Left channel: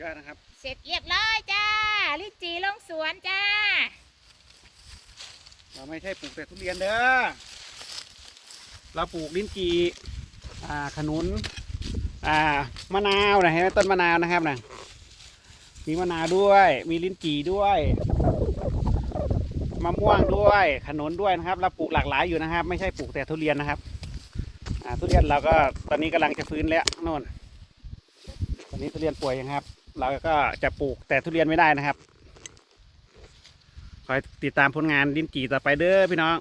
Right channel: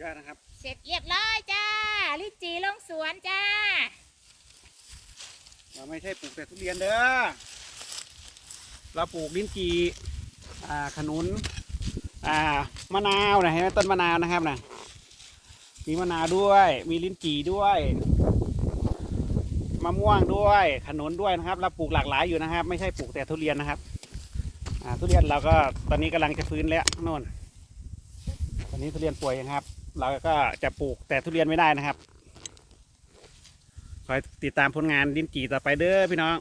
ยอดนะครับ เสร็จเรียบร้อยจ้า ลิ้นจีลงสวนจ้า เราไม่ใช่ปลูกแต่ทุเรียนเด้อ เราปลูกลิ้นจี่อ่าขนุน อ่ามะนาวนะฮะต้นมะนาวนะครับนะมีมะนาวด้วย มีลิ้นจี่ด้วย มะม่วงด้วย ขนุนด้วยนะครับ เราปลูกหลากหลายอยู่นะครับ ไม่ใช่ปลูกแต่ทุเรียนนะครับอ่า ทุเรียนเราก็ตอนนี้กำลังจะฟื้นแล้วโน่นตอนนี้ทุเรียนป่วยนะครับ เราก็จะปลูกแต่ทุเรียนไม่ได้นะครับ คอยติดตามผลงานดินจีต่อไปเด้อพี่น้อง